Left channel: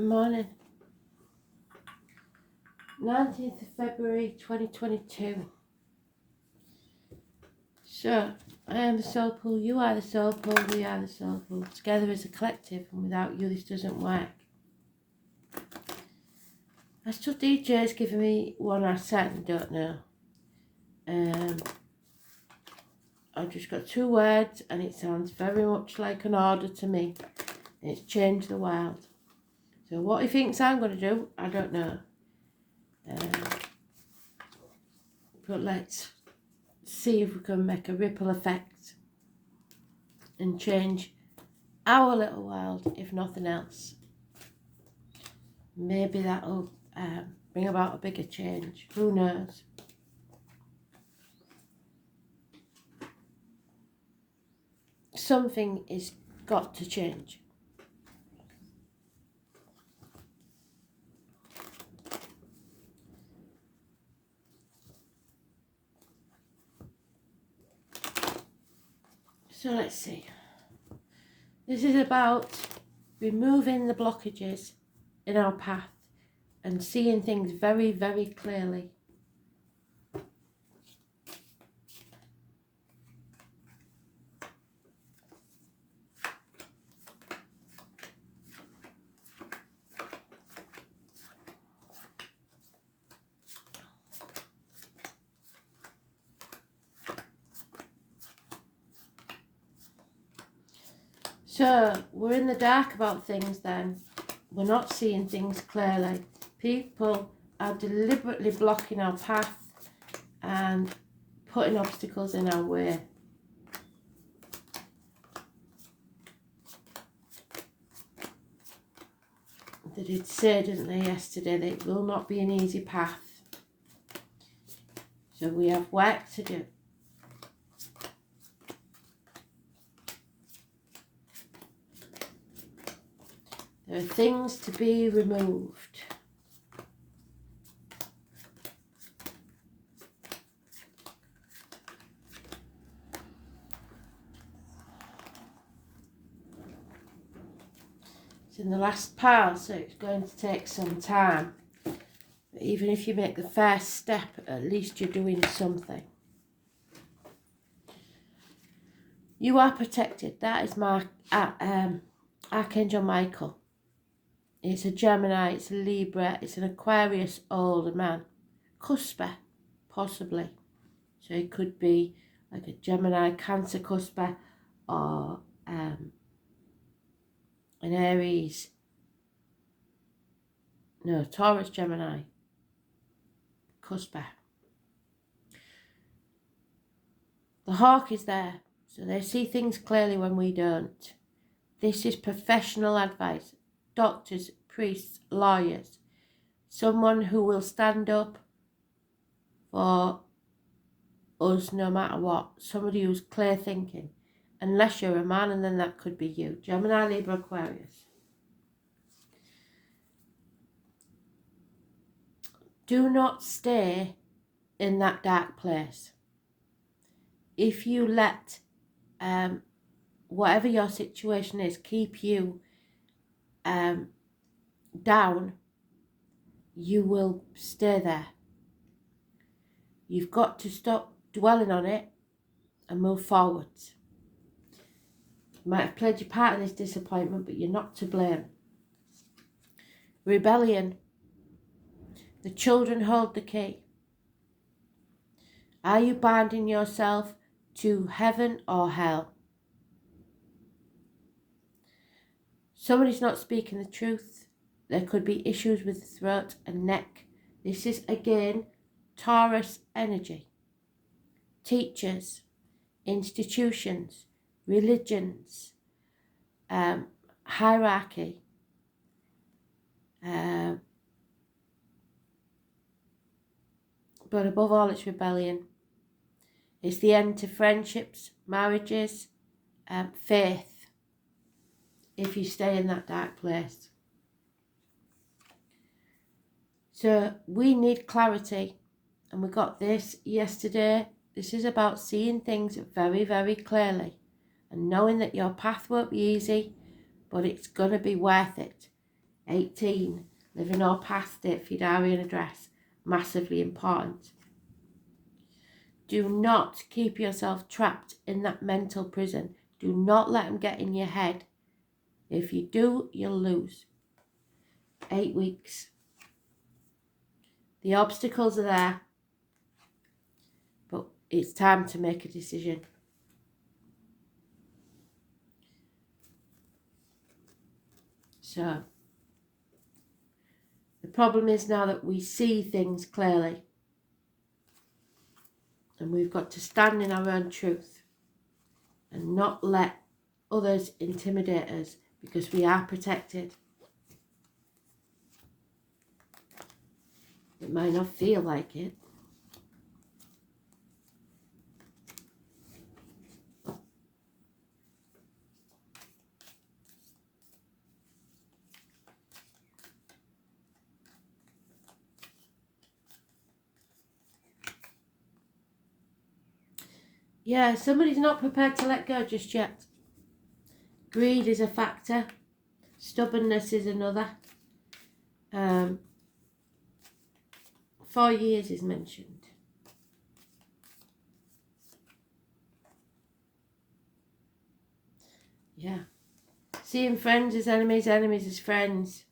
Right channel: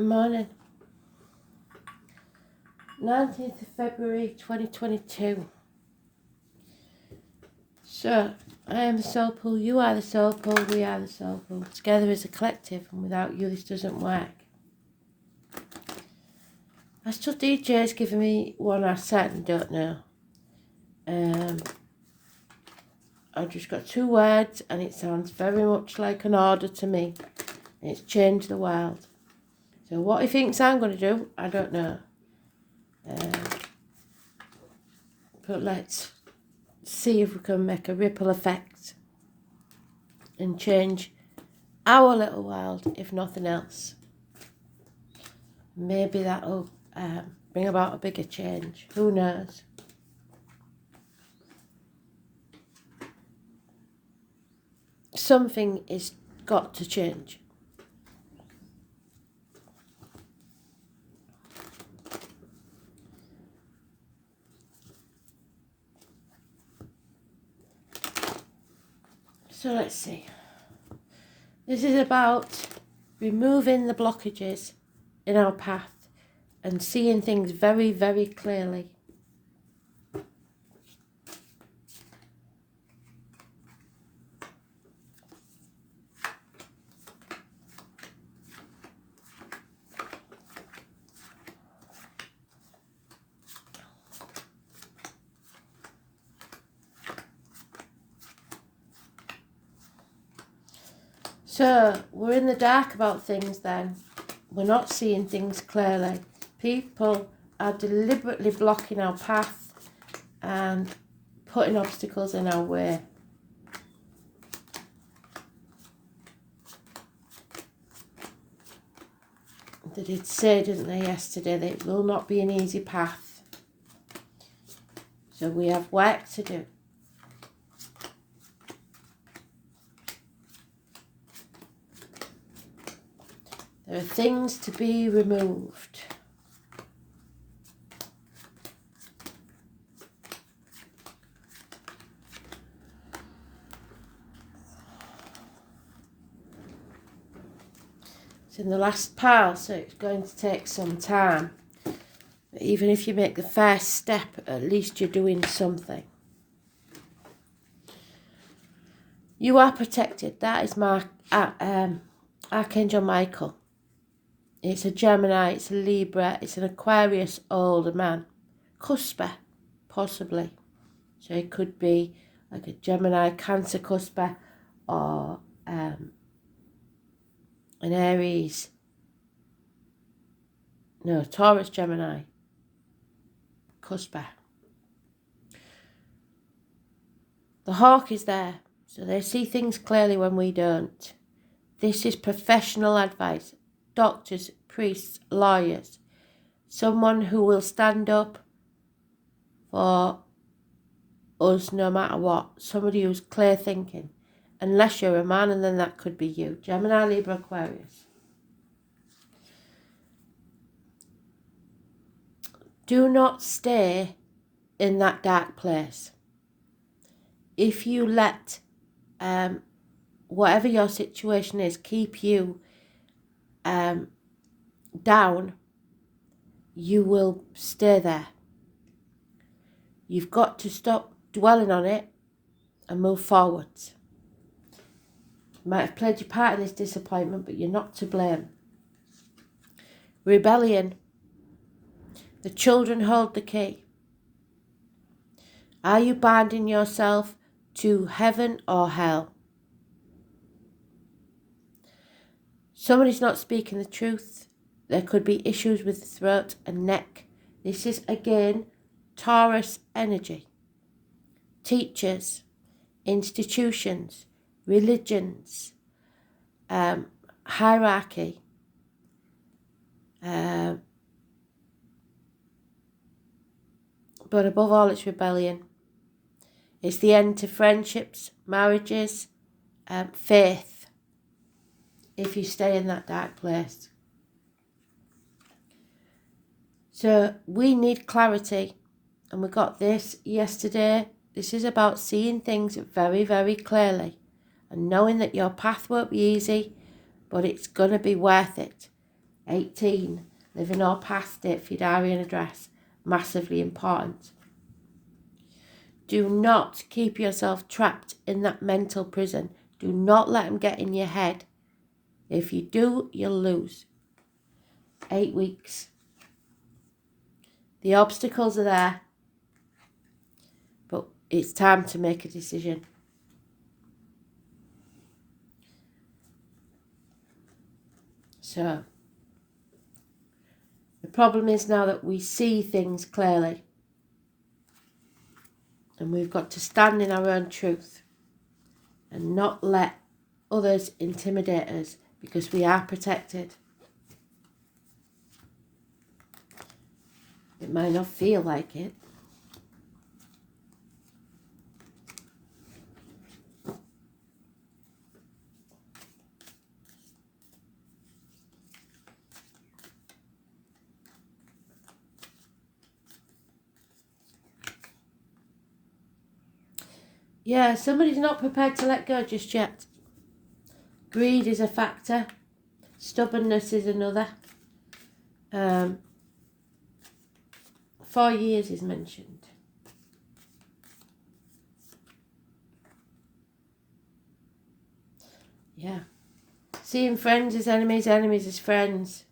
Morning. 19th of February 2022. So, I am the soul pool, you are the soul pool, we are the soul pool. Together as a collective, and without you this doesn't work. Astral DJ's giving me one I certainly don't know. I've just got 2 words and it sounds very much like an order to me. And it's changed the world. So what he thinks I'm going to do, I don't know. But let's see if we can make a ripple effect and change our little world, if nothing else. Maybe that'll bring about a bigger change. Who knows? Something is got to change. So let's see. This is about removing the blockages in our path and seeing things very, very clearly. So, we're in the dark about things then. We're not seeing things clearly. People are deliberately blocking our path and putting obstacles in our way. They did say, didn't they, yesterday, that it will not be an easy path. So we have work to do. There are things to be removed. It's in the last pile, so it's going to take some time. But even if you make the first step, at least you're doing something. You are protected. That is my Archangel Michael. It's a Gemini, it's a Libra, it's an Aquarius older man. Cusper, possibly. So it could be like a Gemini, Cancer Cusper, or an Aries. No, Taurus Gemini. Cusper. The hawk is there, so they see things clearly when we don't. This is professional advice. Doctors, priests, lawyers, someone who will stand up for us no matter what, somebody who's clear thinking, unless you're a man, and then that could be you. Gemini, Libra, Aquarius. Do not stay in that dark place. If you let whatever your situation is keep you down, you will stay there. You've got to stop dwelling on it and move forwards. You might have played your part in this disappointment, but you're not to blame. Rebellion. The children hold the key. Are you binding yourself to heaven or hell? Somebody's not speaking the truth. There could be issues with the throat and neck. This is, again, Taurus energy. Teachers, institutions, religions, hierarchy, but above all, it's rebellion. It's the end to friendships, marriages, faith, if you stay in that dark place. So we need clarity, and we got this yesterday. This is about seeing things very, very clearly and knowing that your path won't be easy, but it's going to be worth it. 18. Living or past it for your diary and address. Massively important. Do not keep yourself trapped in that mental prison. Do not let them get in your head. If you do, you'll lose. 8 weeks. The obstacles are there, but it's time to make a decision. So, the problem is now that we see things clearly. And we've got to stand in our own truth and not let others intimidate us, because we are protected. It might not feel like it. Yeah, somebody's not prepared to let go just yet. Greed is a factor. Stubbornness is another. 4 years is mentioned. Yeah. Seeing friends as enemies, enemies as friends.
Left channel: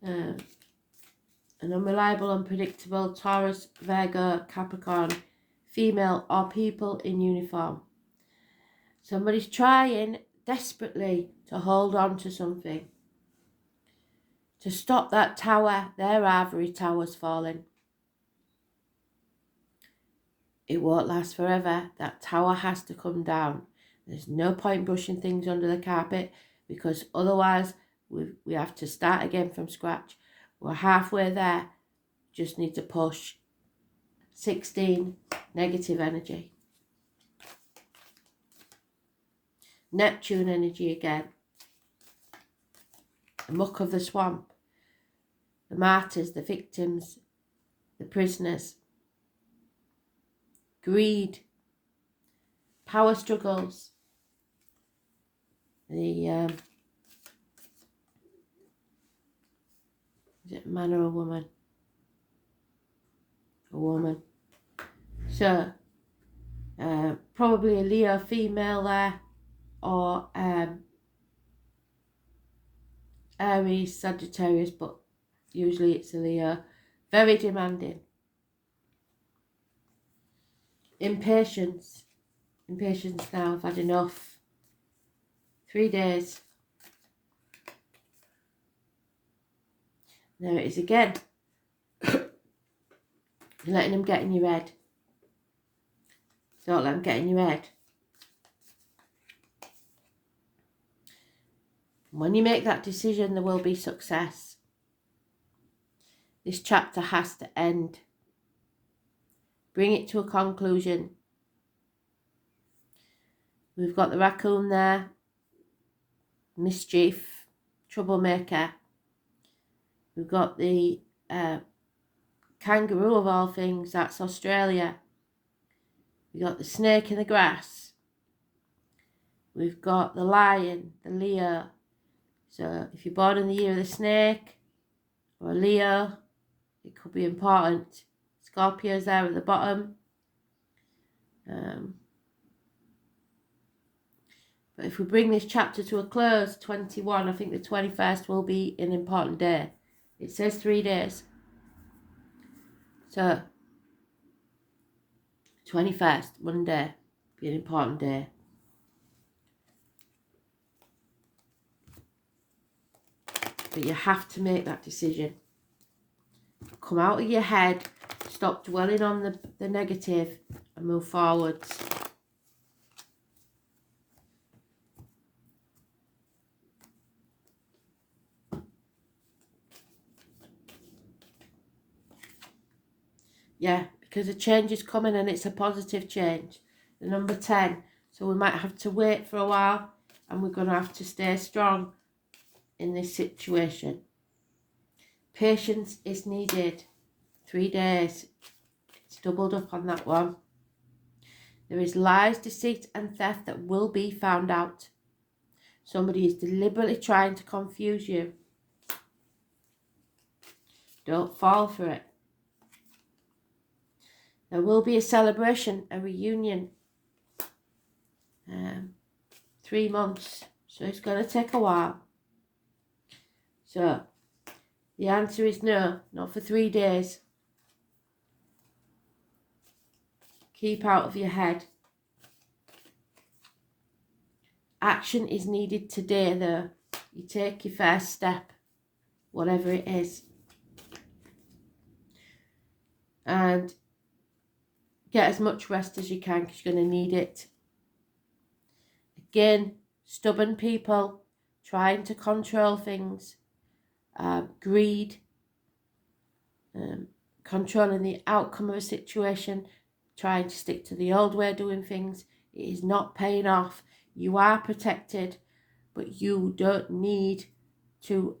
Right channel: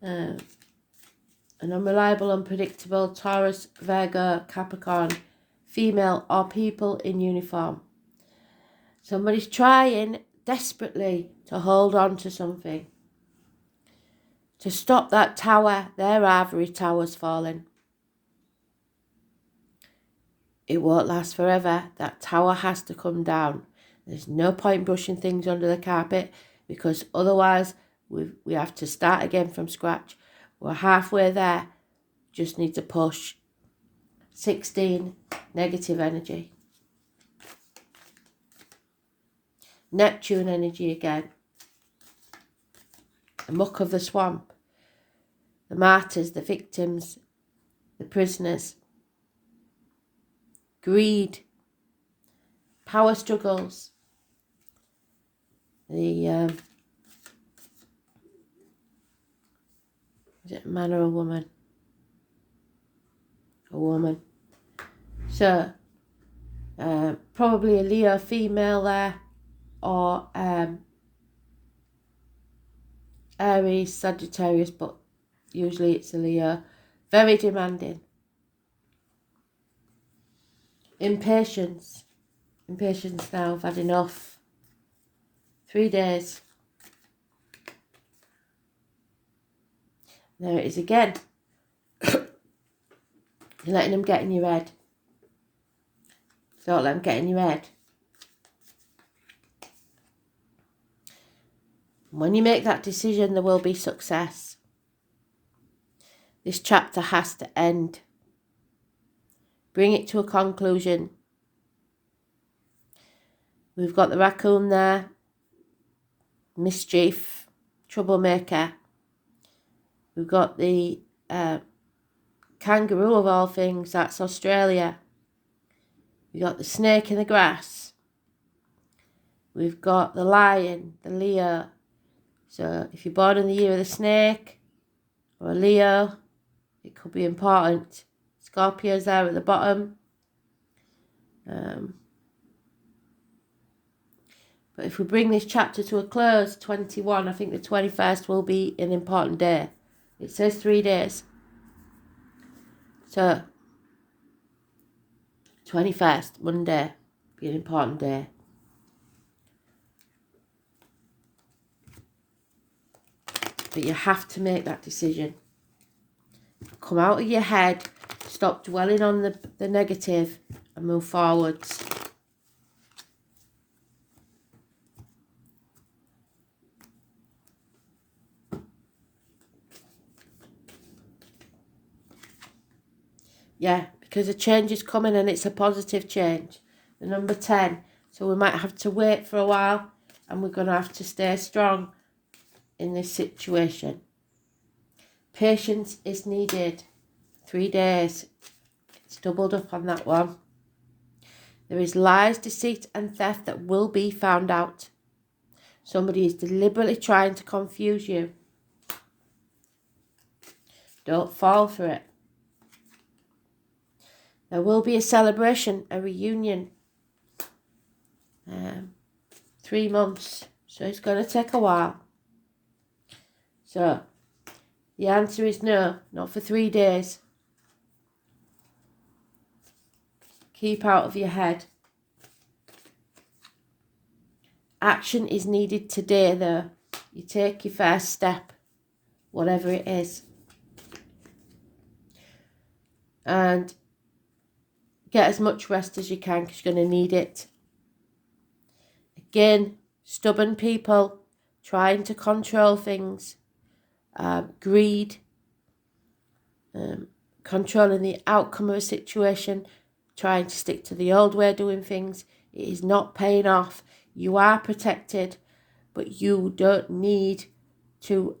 An unreliable, unpredictable Taurus, Virgo, Capricorn, female or people in uniform. Somebody's trying desperately to hold on to something. To stop that tower, their ivory tower's falling. It won't last forever. That tower has to come down. There's no point brushing things under the carpet, because otherwise we have to start again from scratch. We're halfway there. Just need to push. 16, negative energy. Neptune energy again. The muck of the swamp. The martyrs, the victims, the prisoners. Greed. Power struggles. Is it a man or a woman? A woman. So, probably a Leo female there, or Aries, Sagittarius, but usually it's a Leo. Very demanding. Impatience. Impatience now, I've had enough. 3 days. There it is again. You're letting them get in your head. Don't let them get in your head. When you make that decision, there will be success. This chapter has to end. Bring it to a conclusion. We've got the raccoon there. Mischief. Troublemaker. We've got the kangaroo of all things. That's Australia. We've got the snake in the grass. We've got the lion, the Leo. So if you're born in the year of the snake or a Leo, it could be important. Scorpio's there at the bottom. But if we bring this chapter to a close, 21, I think the 21st will be an important day. It says 3 days. So, 21st, Monday, be an important day. But you have to make that decision. Come out of your head, stop dwelling on the negative, and move forwards. Yeah, because a change is coming and it's a positive change. The number 10. So we might have to wait for a while, and we're going to have to stay strong in this situation. Patience is needed. 3 days. It's doubled up on that one. There is lies, deceit and theft that will be found out. Somebody is deliberately trying to confuse you. Don't fall for it. There will be a celebration, a reunion. 3 months. So it's going to take a while. So the answer is no, not for 3 days. Keep out of your head. Action is needed today though. You take your first step, whatever it is. And get as much rest as you can because you're going to need it. Again, stubborn people trying to control things. Greed. Controlling the outcome of a situation. Trying to stick to the old way of doing things. It is not paying off. You are protected, but you don't need to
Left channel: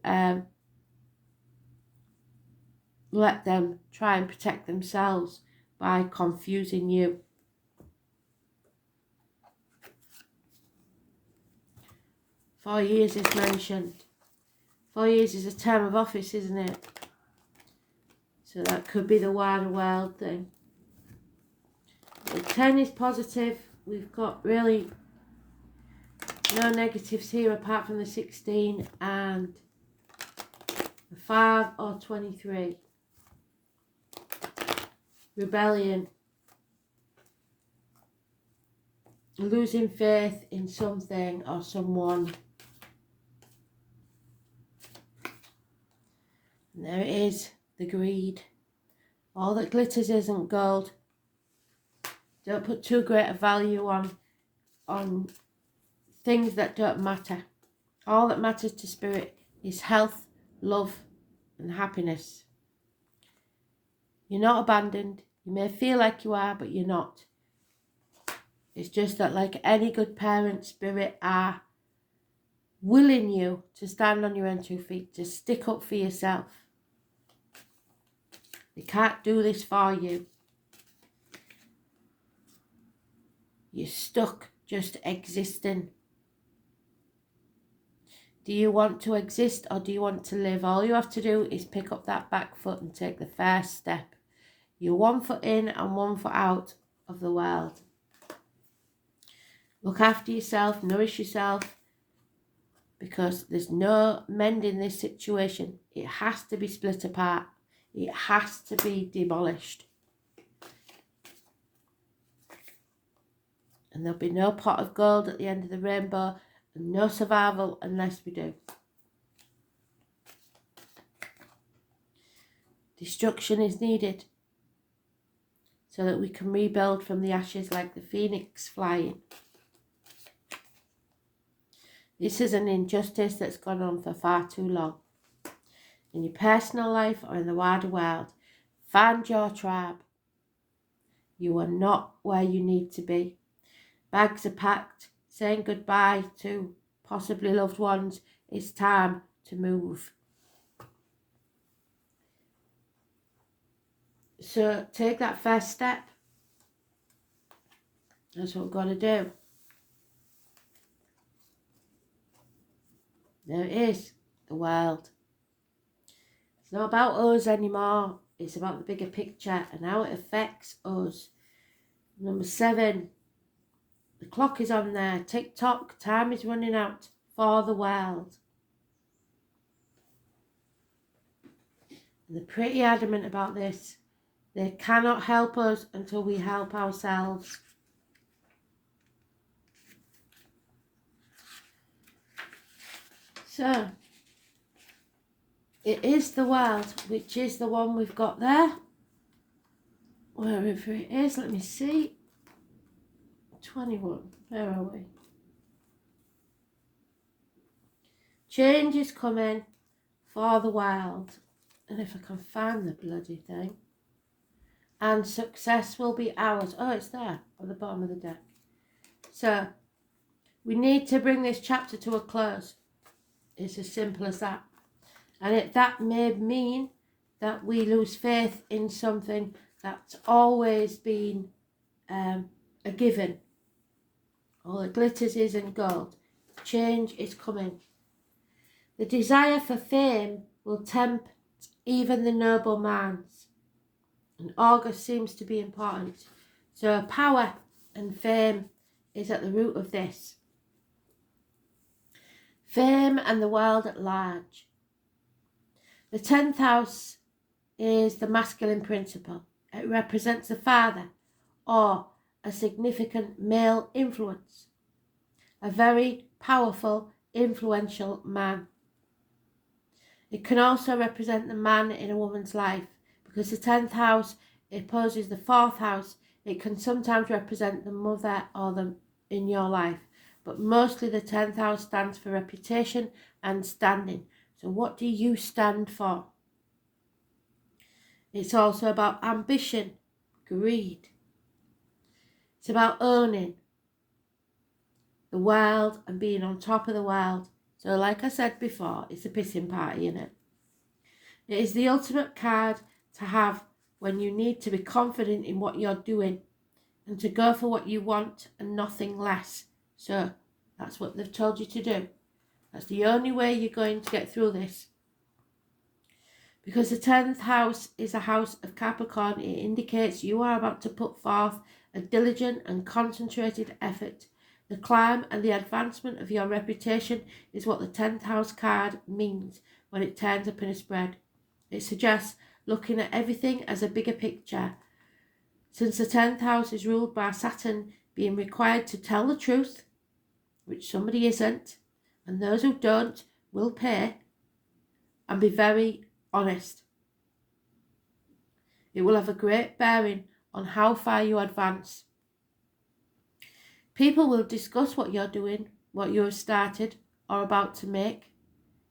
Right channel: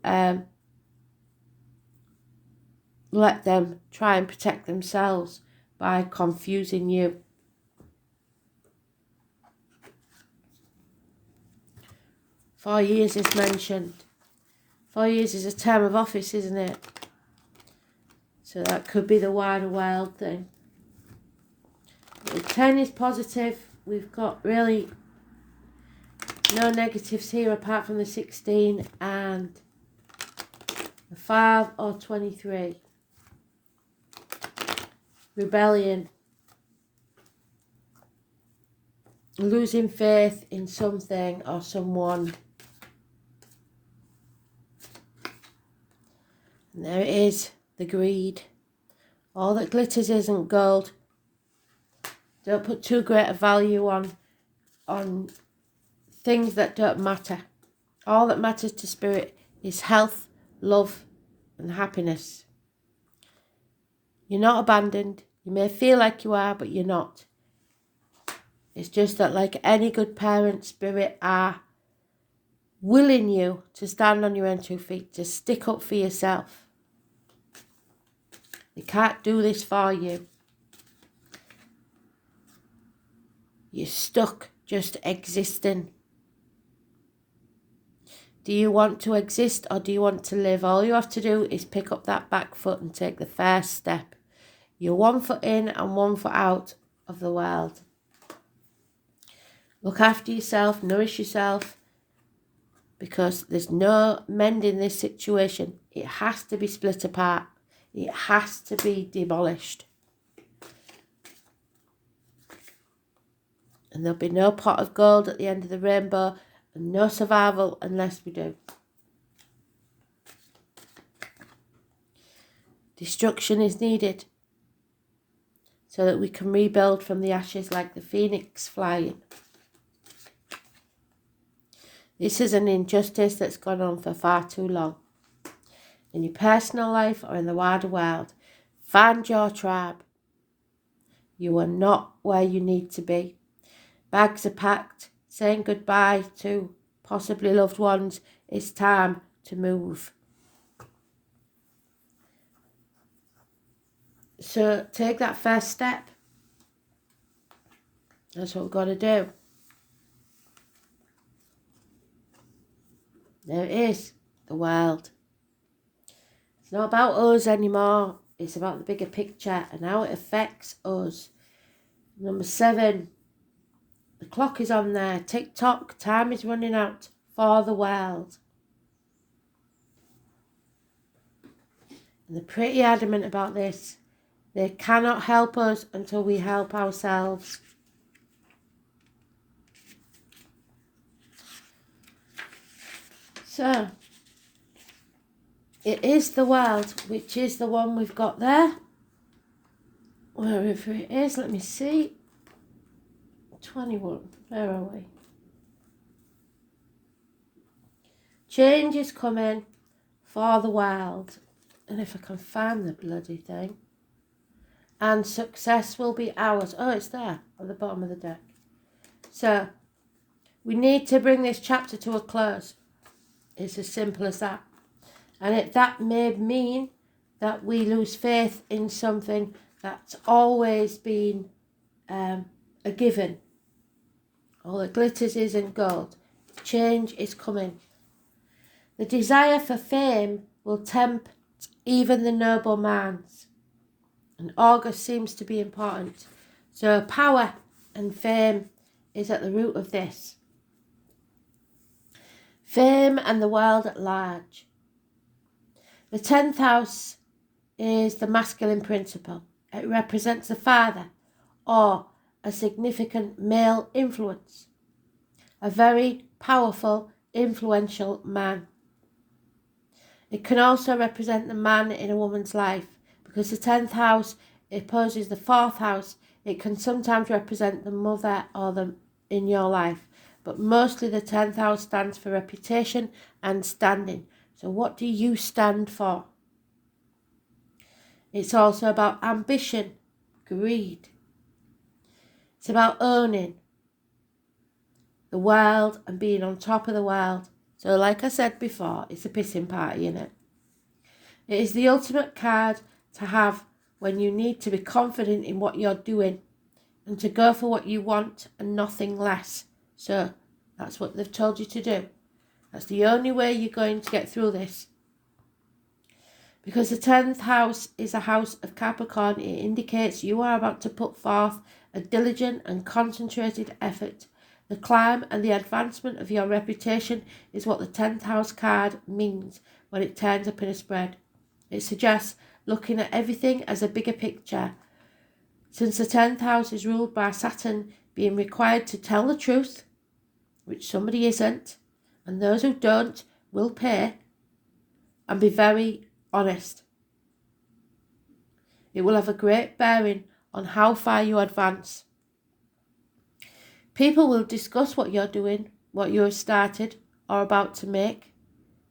let them try and protect themselves by confusing you. Four years is mentioned. 4 years is a term of office, isn't it? So that could be the wider world thing. The 10 is positive. We've got really no negatives here apart from the 16 and the 5 or 23. Rebellion. Losing faith in something or someone. And there it is, the greed. All that glitters isn't gold. Don't put too great a value on things that don't matter. All that matters to spirit is health, love, and happiness. You're not abandoned. You may feel like you are, but you're not. It's just that, like any good parent, spirit are willing you to stand on your own 2 feet, to stick up for yourself. They can't do this for you. You're stuck just existing. Do you want to exist or do you want to live? All you have to do is pick up that back foot and take the first step. You're 1 foot in and 1 foot out of the world. Look after yourself, nourish yourself, because there's no mending this situation. It has to be split apart. It has to be demolished. And there'll be no pot of gold at the end of the rainbow and no survival unless we do. Destruction is needed so that we can rebuild from the ashes like the phoenix flying. This is an injustice that's gone on for far too long. In your personal life or in the wider world, find your tribe. You are not where you need to be. Bags are packed, saying goodbye to possibly loved ones. It's time to move. So take that first step. That's what we've got to do. There it is, the world. It's not about us anymore. It's about the bigger picture and how it affects us. Number 7. The clock is on there. Tick tock. Time is running out for the world. And they're pretty adamant about this. They cannot help us until we help ourselves. So, it is the world, which is the one we've got there. Wherever it is, let me see. 21, where are we? Change is coming for the world. And if I can find the bloody thing. And success will be ours. Oh, it's there at the bottom of the deck. So, we need to bring this chapter to a close. It's as simple as that. And that may mean that we lose faith in something that's always been a given. All that glitters isn't gold. change is coming. The desire for fame will tempt even the noble minds. And August seems to be important. So power and fame is at the root of this. Fame and the world at large. The 10th house is the masculine principle. It represents the father or a significant male influence, a very powerful, influential man. It can also represent the man in a woman's life, because the 10th house opposes the 4th house. It can sometimes represent the mother or the in your life, but mostly the 10th house stands for reputation and standing. So what do you stand for? It's also about ambition, greed. It's about owning the world and being on top of the world. So like I said before, it's a pissing party, isn't it? It is the ultimate card to have when you need to be confident in what you're doing and to go for what you want and nothing less. So that's what they've told you to do. That's the only way you're going to get through this. Because the 10th house is a house of Capricorn, it indicates you are about to put forth a diligent and concentrated effort. The climb and the advancement of your reputation is what the 10th house card means when it turns up in a spread. It suggests looking at everything as a bigger picture. Since the 10th house is ruled by Saturn being required to tell the truth, which somebody isn't, and those who don't will pay, and be very honest. It will have a great bearing on how far you advance. People will discuss what you're doing, what you have started or about to make.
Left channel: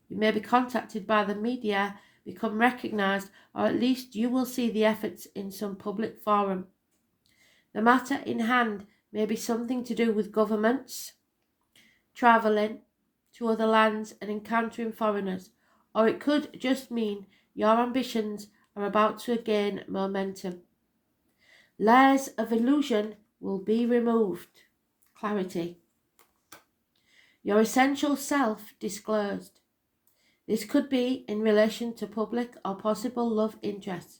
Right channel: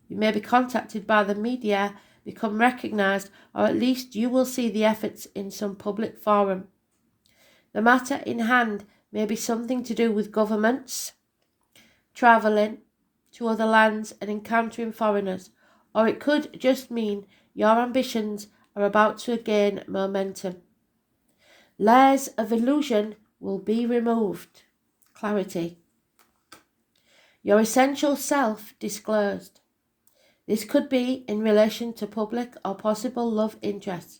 You may be contacted by the media, become recognised, or at least you will see the efforts in some public forum. The matter in hand may be something to do with governments, travelling to other lands and encountering foreigners, or it could just mean your ambitions are about to gain momentum. Layers of illusion will be removed. Clarity. Your essential self disclosed. This could be in relation to public or possible love interests.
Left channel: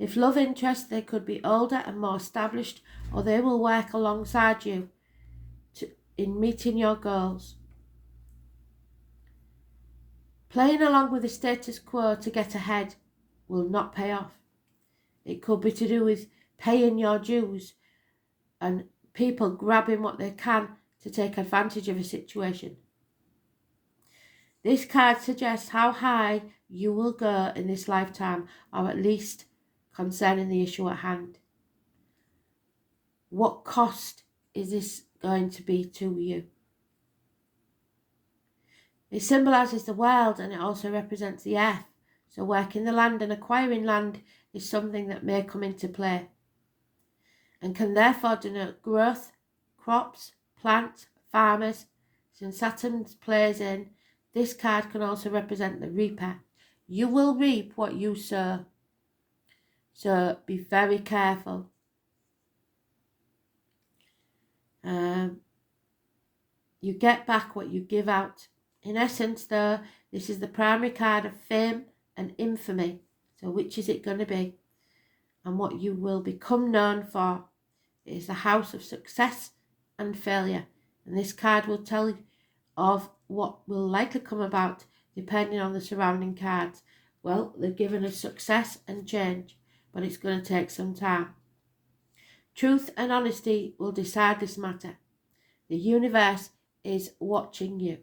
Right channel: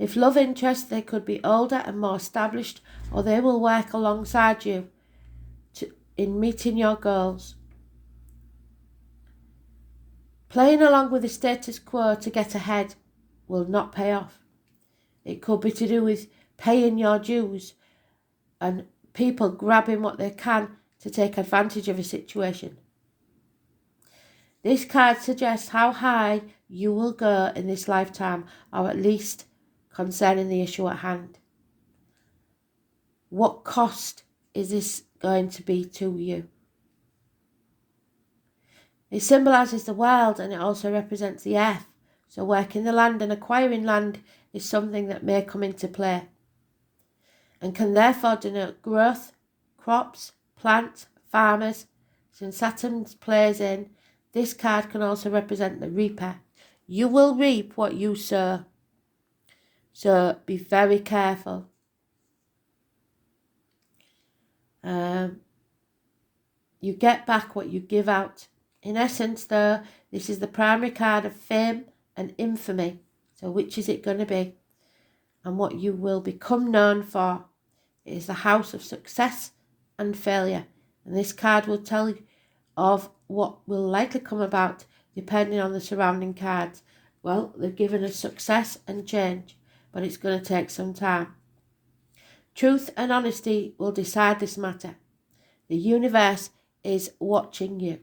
If love interests, they could be older and more established, or they will work alongside you in meeting your goals. Playing along with the status quo to get ahead will not pay off. It could be to do with paying your dues and people grabbing what they can to take advantage of a situation. This card suggests how high you will go in this lifetime, or at least concerning the issue at hand. What cost is this going to be to you? It symbolises the world and it also represents the earth. So working the land and acquiring land is something that may come into play and can therefore denote growth, crops, plants, farmers. Since Saturn plays in, this card can also represent the reaper. You will reap what you sow. So be very careful. You get back what you give out. In essence, though, this is the primary card of fame and infamy. So which is it going to be? And what you will become known for. It is the house of success and failure. And this card will tell you of what will likely come about depending on the surrounding cards. Well, they've given us success and change, but it's going to take some time. Truth and honesty will decide this matter. The universe is watching you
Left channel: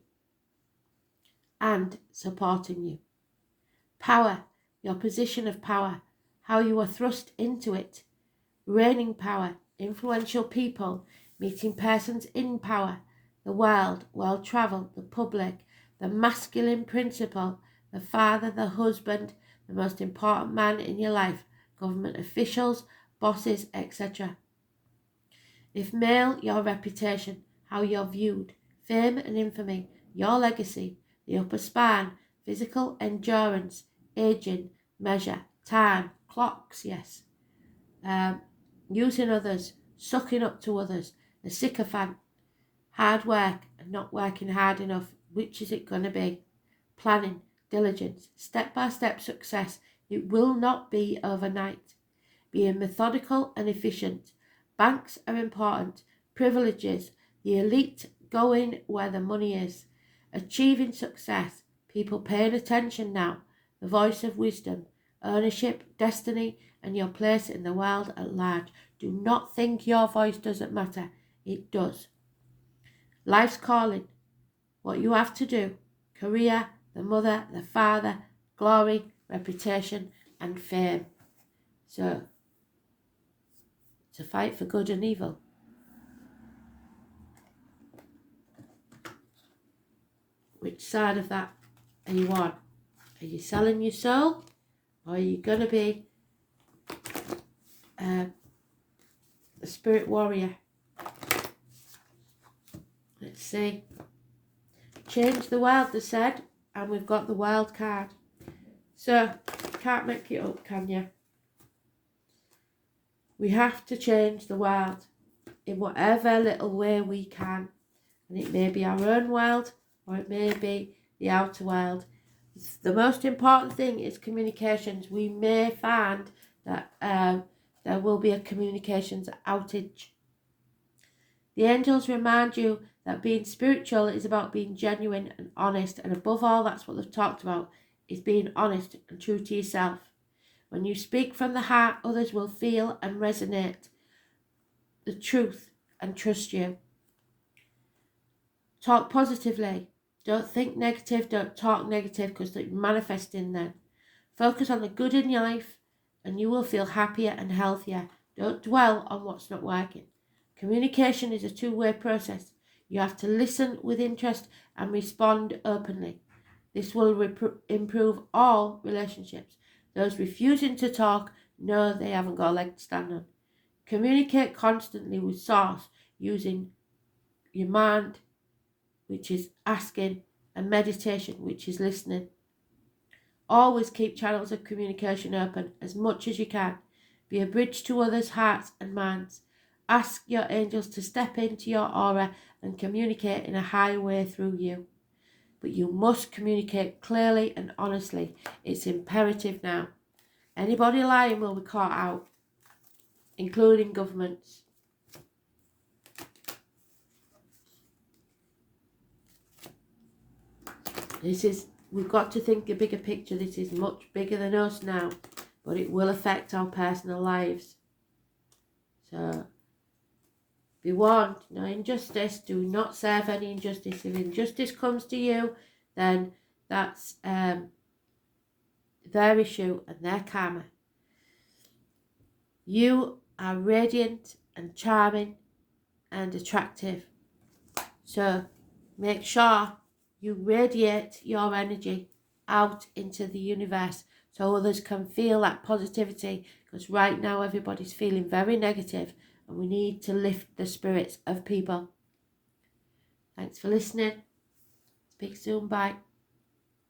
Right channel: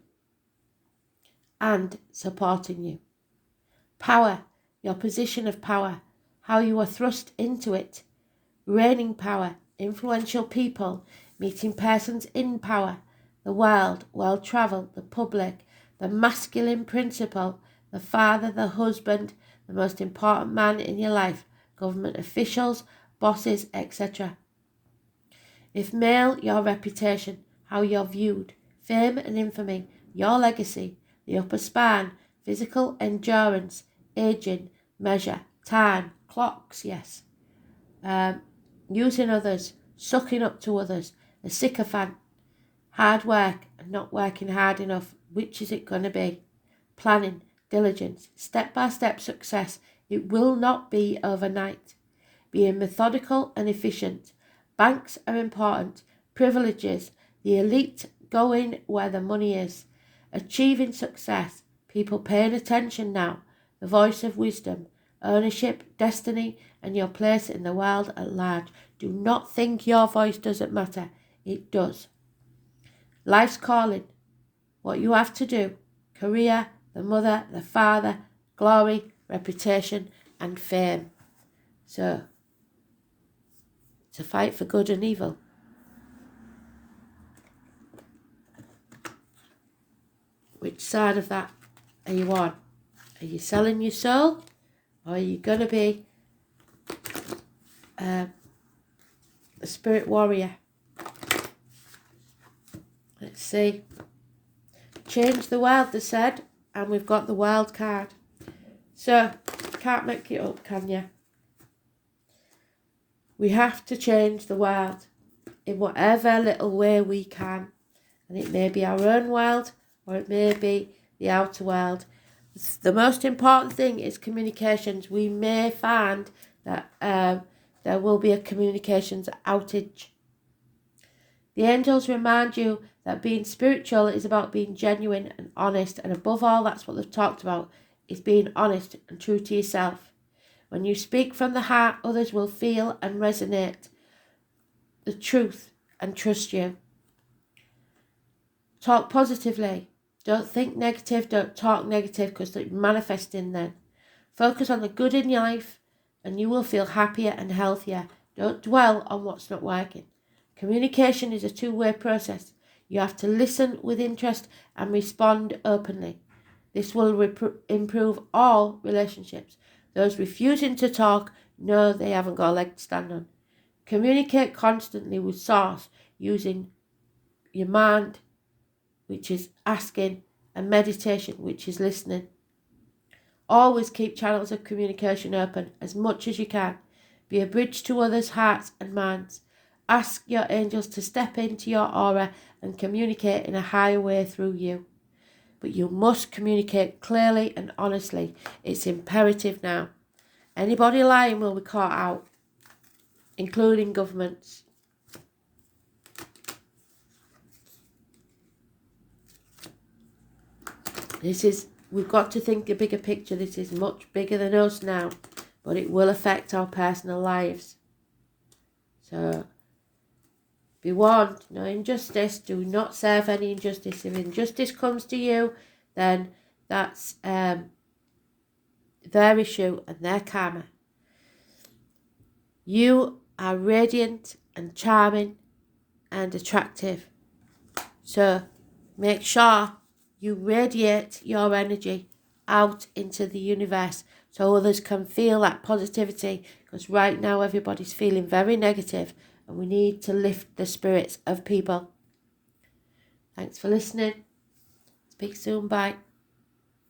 and supporting you. Power, your position of power, how you are thrust into it. Reigning power, influential people, meeting persons in power, the world, well-travelled, the public, the masculine principle, the father, the husband, the most important man in your life, government officials, bosses, etc. If male, your reputation, how you're viewed, fame and infamy, your legacy, the upper span, physical endurance, aging, measure, time, clocks, yes. Using others, sucking up to others, the sycophant, hard work, and not working hard enough. Which is it going to be? Planning, diligence, step-by-step success. It will not be overnight. Being methodical and efficient. Banks are important. Privileges. The elite going where the money is. Achieving success. People paying attention now. The voice of wisdom. Ownership, destiny, and your place in the world at large. Do not think your voice doesn't matter. It does. Life's calling. What you have to do. Career, the mother, the father, glory, reputation, and fame. So, it's a fight for good and evil. Which side of that are you on? Are you selling your soul? Or are you going to be a spirit warrior? Let's see. Change the world, they said, and we've got the wild card. So, can't make it up, can you? We have to change the world in whatever little way we can. And it may be our own world, or it may be the outer world. The most important thing is communications. We may find that there will be a communications outage. The angels remind you that being spiritual is about being genuine and honest, and above all, that's what they've talked about, is being honest and true to yourself. When you speak from the heart, others will feel and resonate the truth and trust you. Talk positively. Don't think negative, don't talk negative, because you're manifesting then. Focus on the good in your life and you will feel happier and healthier. Don't dwell on what's not working. Communication is a two-way process. You have to listen with interest and respond openly. This will improve all relationships. Those refusing to talk know they haven't got a leg to stand on. Communicate constantly with Source using your mind, which is asking, and meditation, which is listening. Always keep channels of communication open as much as you can. Be a bridge to others' hearts and minds. Ask your angels to step into your aura and communicate in a higher way through you. But you must communicate clearly and honestly. It's imperative now. Anybody lying will be caught out, including governments. We've got to think a bigger picture. This is much bigger than us now, but it will affect our personal lives. So, be warned, no injustice. Do not serve any injustice. If injustice comes to you, then that's their issue and their karma. You are radiant and charming and attractive. So, make sure you radiate your energy out into the universe so others can feel that positivity, because right now everybody's feeling very negative and we need to lift the spirits of people. Thanks for listening. Speak soon. Bye.